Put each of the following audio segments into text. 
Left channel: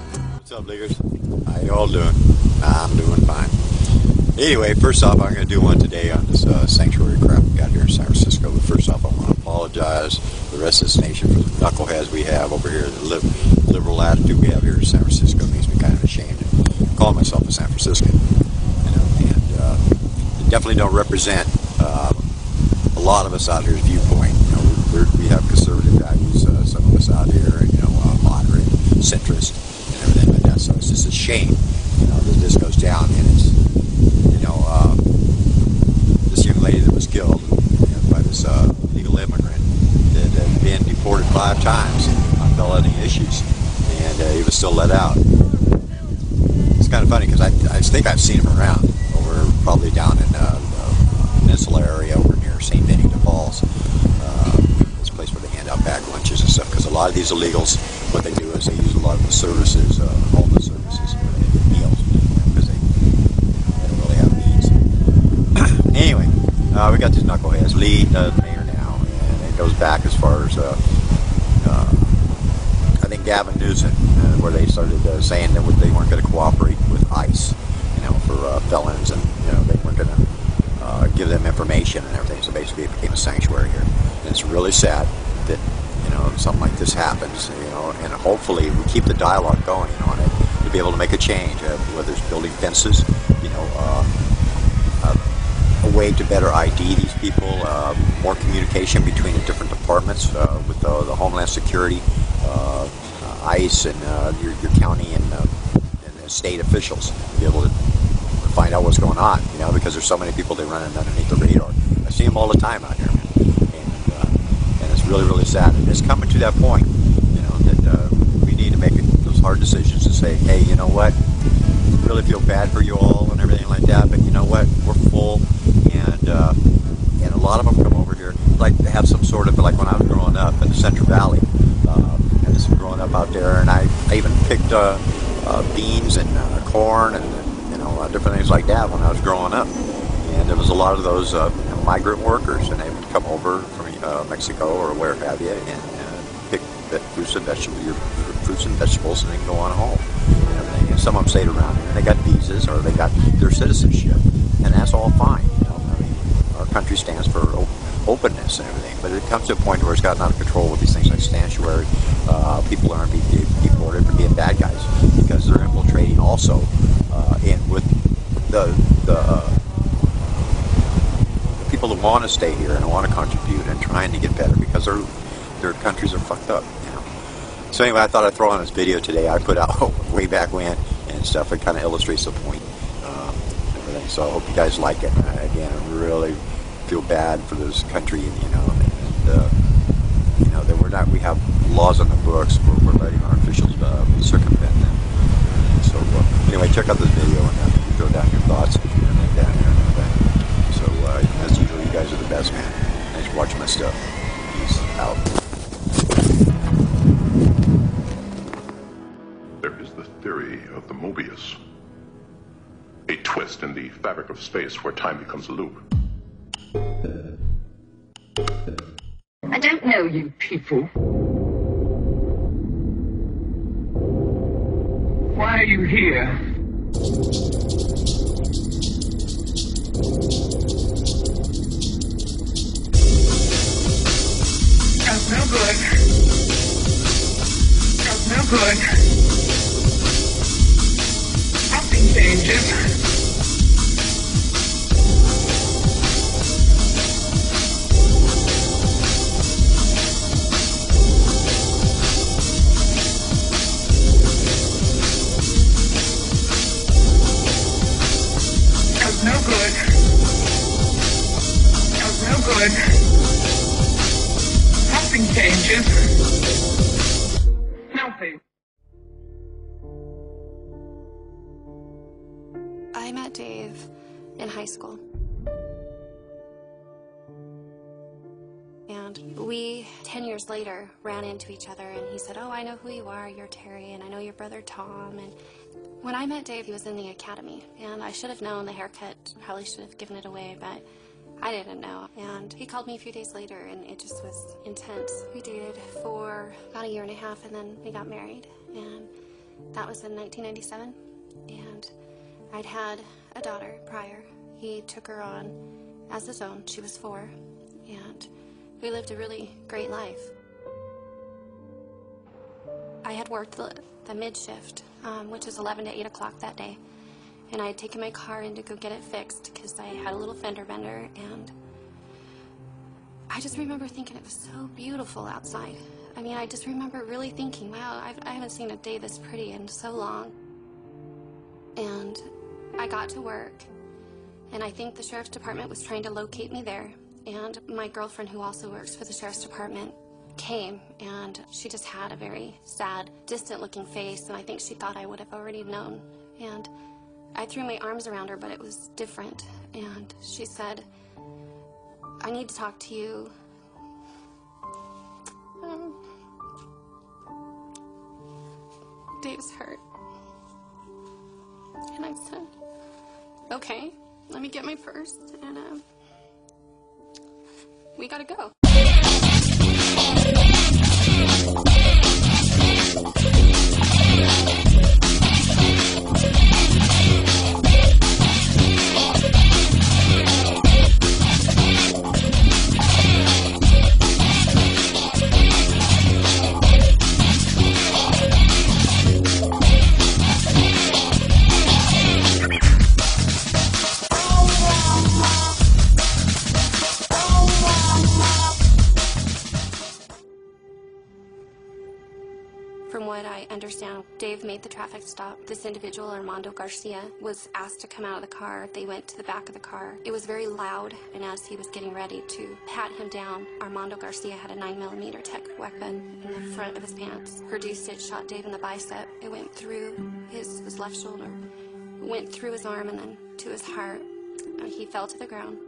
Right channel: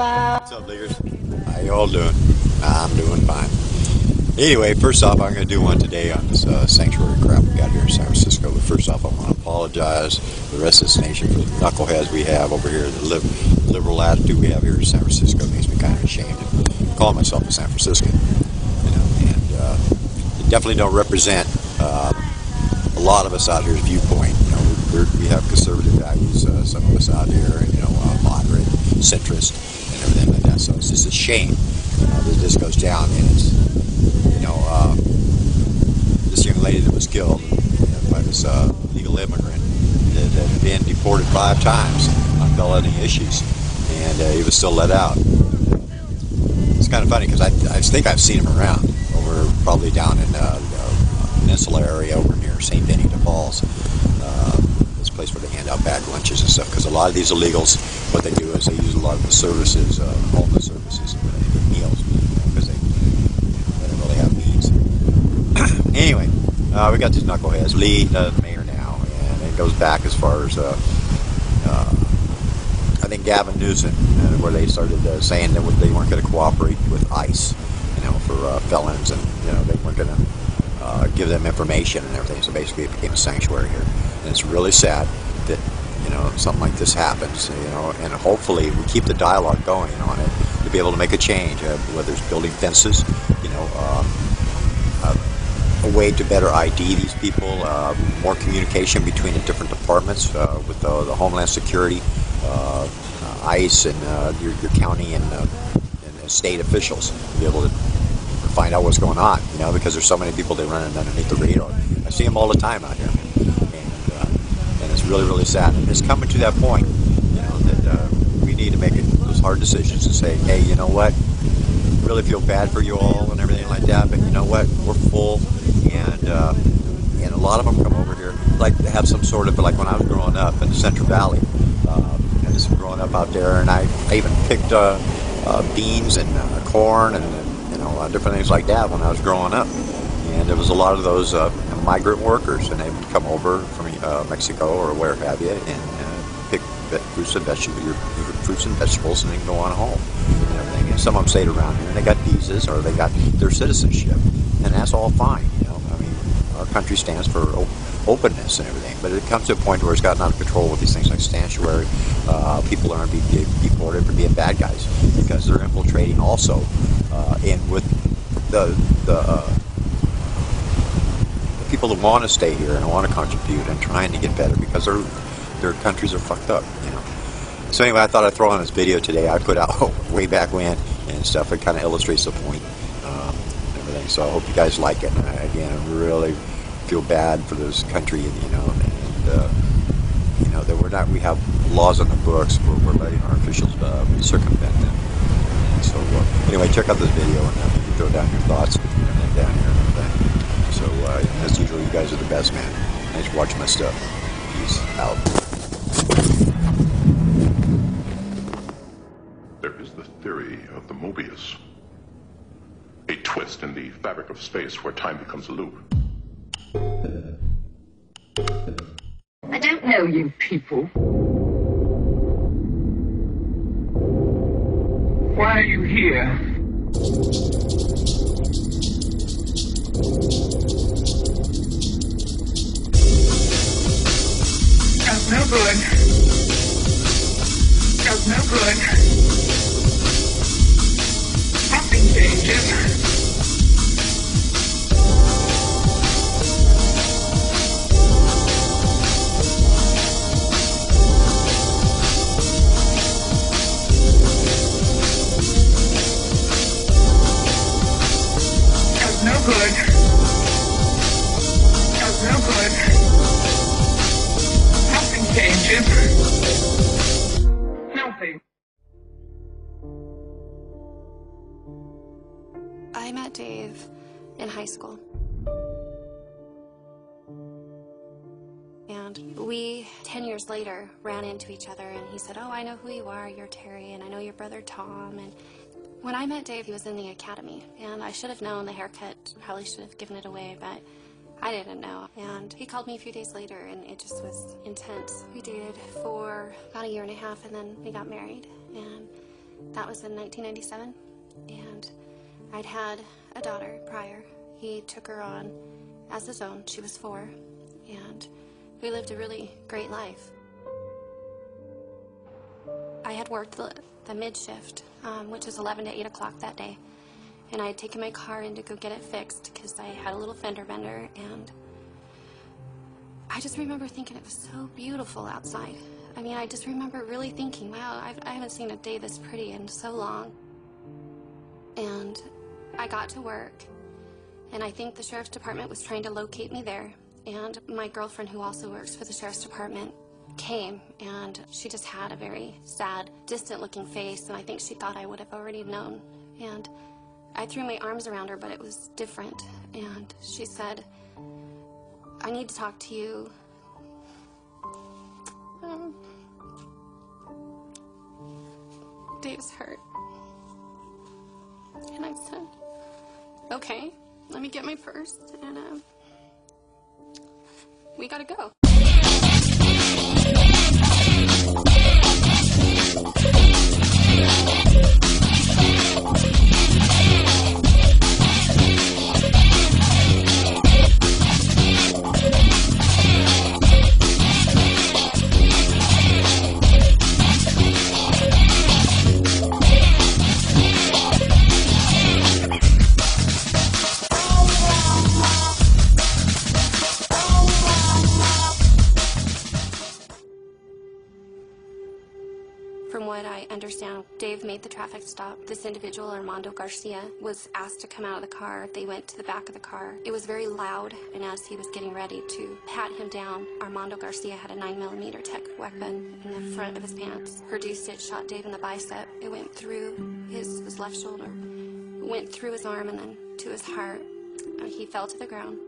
What's up, leaguers? How you all doing? I'm doing fine. Anyway, first off, I'm going to do one today on this sanctuary crap we got here in San Francisco. But first off, I want to apologize to the rest of this nation for the knuckleheads we have over here. The liberal attitude we have here in San Francisco makes me kind of ashamed to call myself a San Franciscan. You know, and they definitely don't represent a lot of us out here's viewpoint. You know, we have conservative values, some of us out here, you know, moderate, centrist, and everything like that. So it's just a shame, you know, that this goes down, and it's, you know, this young lady that was killed, you know, by this illegal immigrant that had been deported 5 times on felony issues, and he was still let out. It's kind of funny because I think I've seen him around over probably down in the peninsula area over near St. Benita Falls. This place where they hand out packed lunches and stuff, because a lot of these illegals, what they do is they use a lot of the services, homeless services, and they get meals, because they don't really have means. Anyway, we got these knuckleheads. Lee, the mayor now, and it goes back as far as I think Gavin Newsom, where they started saying that they weren't going to cooperate with ICE, you know, for felons, and you know they weren't going to give them information and everything. So basically, it became a sanctuary here, and it's really sad that, you know, something like this happens. You know, and hopefully we keep the dialogue going on it to be able to make a change, whether it's building fences, you know, a way to better ID these people, more communication between the different departments with the Homeland Security, ICE, and your county and state officials to be able to find out what's going on, you know, because there's so many people that run underneath the radar. I see them all the time out here, man, and it's really, really sad. And it's coming to that point, you know, that we need to make those hard decisions and say, hey, you know what, really feel bad for you all and everything like that, but you know what, we're full, and a lot of them come over here like to have some sort of, like when I was growing up in the Central Valley, and just growing up out there, and I even picked beans and corn and different things like that when I was growing up. And there was a lot of those migrant workers, and they would come over from Mexico or where have you, and pick fruits and vegetables, and then go on home and everything. And some of them stayed around here, and they got visas or they got their citizenship, and that's all fine. You know, I mean, our country stands for openness and everything, but it comes to a point where it's gotten out of control with these things like sanctuary. People aren't being deported for being bad guys because they're infiltrating also, and with the people that want to stay here and want to contribute and trying to get better because their countries are fucked up, you know. So anyway, I thought I'd throw on this video today I put out way back when and stuff. It kind of illustrates the point, and everything. So I hope you guys like it. And again, I really feel bad for this country, you know, and you know that we have laws on the books where we're letting our officials circumvent them. So anyway, check out this video, and you can throw down your thoughts and down here and everything. So as usual, you guys are the best, man. Thanks for watching my stuff. Peace out. There is the theory of the Mobius, a twist in the fabric of space where time becomes a loop. I don't know you people. Why are you here? That's no good. That's no good. Nothing changes. No good. That's no good. Nothing changes. Nothing. I met Dave in high school. And we, 10 years later, ran into each other, and he said, oh, I know who you are, you're Terry, and I know your brother Tom. And when I met Dave, he was in the academy, and I should have known the haircut, probably should have given it away, but I didn't know. And he called me a few days later, and it just was intense. We dated for about a year and a half, and then we got married. And That was in 1997, and I'd had a daughter prior. He took her on as his own. She was 4, and we lived a really great life. I had worked the mid-shift, which is 11 to 8 o'clock that day, and I had taken my car in to go get it fixed because I had a little fender bender, and I just remember thinking it was so beautiful outside. I mean, I just remember really thinking, wow, I haven't seen a day this pretty in so long. And I got to work, and I think the sheriff's department was trying to locate me there. And my girlfriend, who also works for the sheriff's department, came, and she just had a very sad, distant-looking face, and I think she thought I would have already known. And I threw my arms around her, but it was different. And she said, I need to talk to you. Dave's hurt. And I said, okay, let me get my purse, and we gotta go. From what I understand, Dave made the traffic stop. This individual, Armando Garcia, was asked to come out of the car. They went to the back of the car. It was very loud, and as he was getting ready to pat him down, Armando Garcia had a 9mm tech weapon in the front of his pants. Produced it, shot Dave in the bicep. It went through his left shoulder, went through his arm, and then to his heart. He fell to the ground.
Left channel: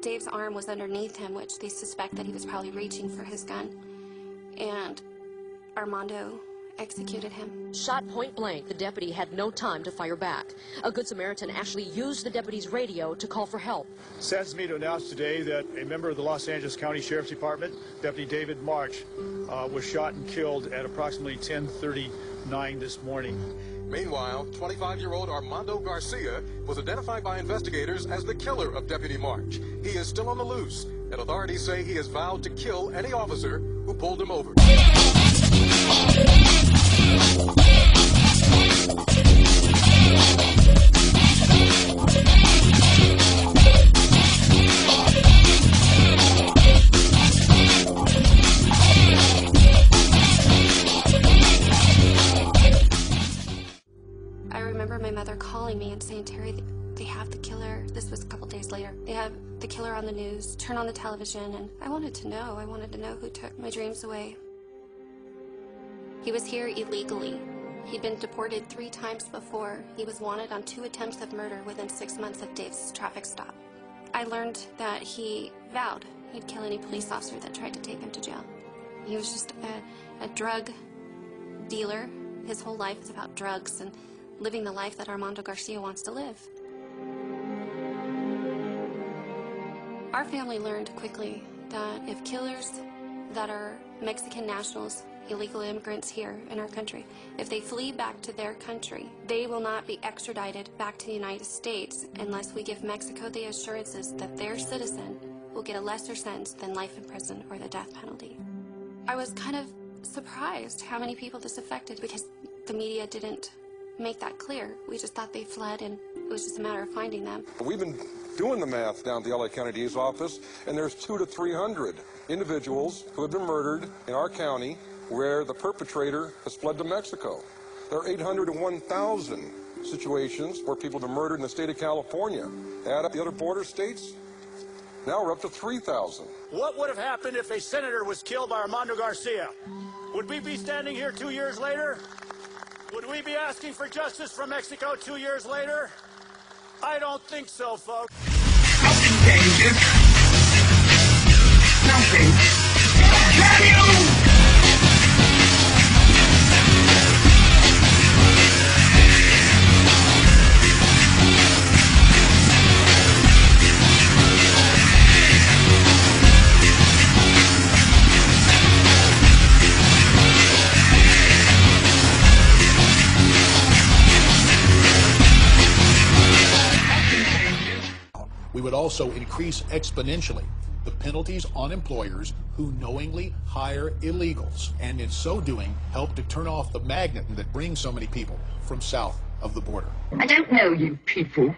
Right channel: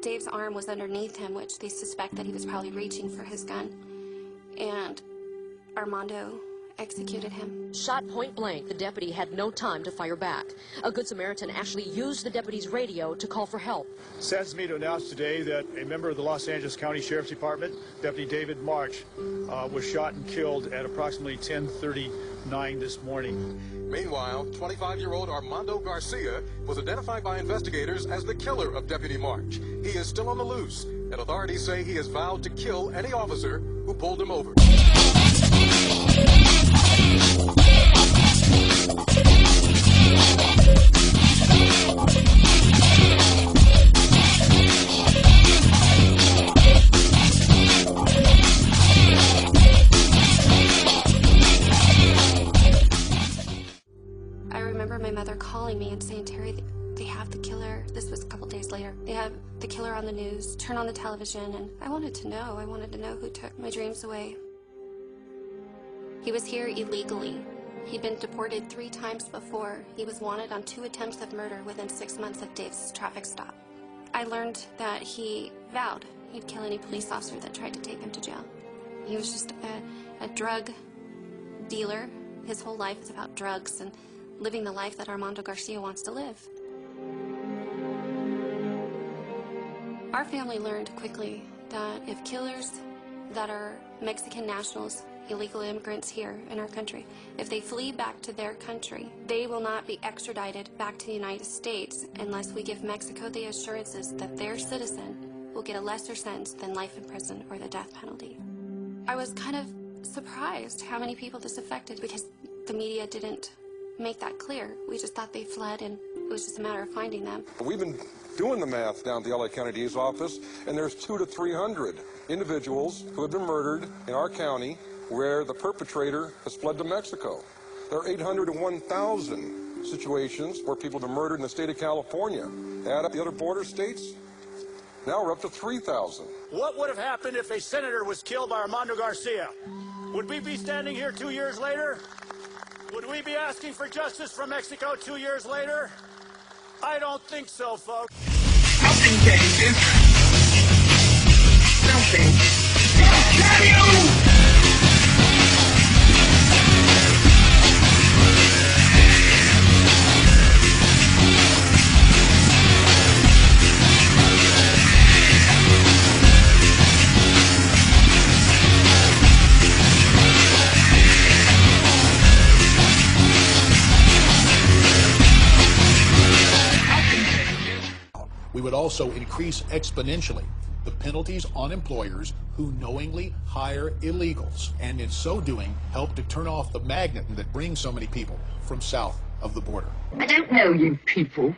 Dave's arm was underneath him, which they suspect that he was probably reaching for his gun. And Armando executed him. Shot point blank, the deputy had no time to fire back. A Good Samaritan actually used the deputy's radio to call for help. Saddens me to announce today that a member of the Los Angeles County Sheriff's Department, Deputy David March, was shot and killed at approximately 10:39 this morning. Meanwhile, 25-year-old Armando Garcia was identified by investigators as the killer of Deputy March. He is still on the loose, and authorities say he has vowed to kill any officer who pulled him over. I remember my mother calling me and saying, Terry, they have the killer. This was a couple days later. They have the killer on the news. Turn on the television. And I wanted to know. I wanted to know who took my dreams away. He was here illegally. He'd been deported 3 times before. He was wanted on 2 attempts of murder within 6 months of Dave's traffic stop. I learned that he vowed he'd kill any police officer that tried to take him to jail. He was just a drug dealer. His whole life is about drugs and living the life that Armando Garcia wants to live. Our family learned quickly that if killers that are Mexican nationals, illegal immigrants here in our country, if they flee back to their country, they will not be extradited back to the United States unless we give Mexico the assurances that their citizen will get a lesser sentence than life in prison or the death penalty. I was kind of surprised how many people this affected because the media didn't make that clear. We just thought they fled and it was just a matter of finding them. We've been doing the math down at the LA County DA's office, and there's 200 to 300 individuals who have been murdered in our county where the perpetrator has fled to Mexico. There are 800 to 1,000 situations where people have been murdered in the state of California. Add up the other border states, now we're up to 3,000. What would have happened if a senator was killed by Armando Garcia? Would we be standing here 2 years later? Would we be asking for justice from Mexico 2 years later? I don't think so, folks. Something changes. Something. Can you? We would also increase exponentially the penalties on employers who knowingly hire illegals, and in so doing, help to turn off the magnet that brings so many people from south of the border. I don't know you people.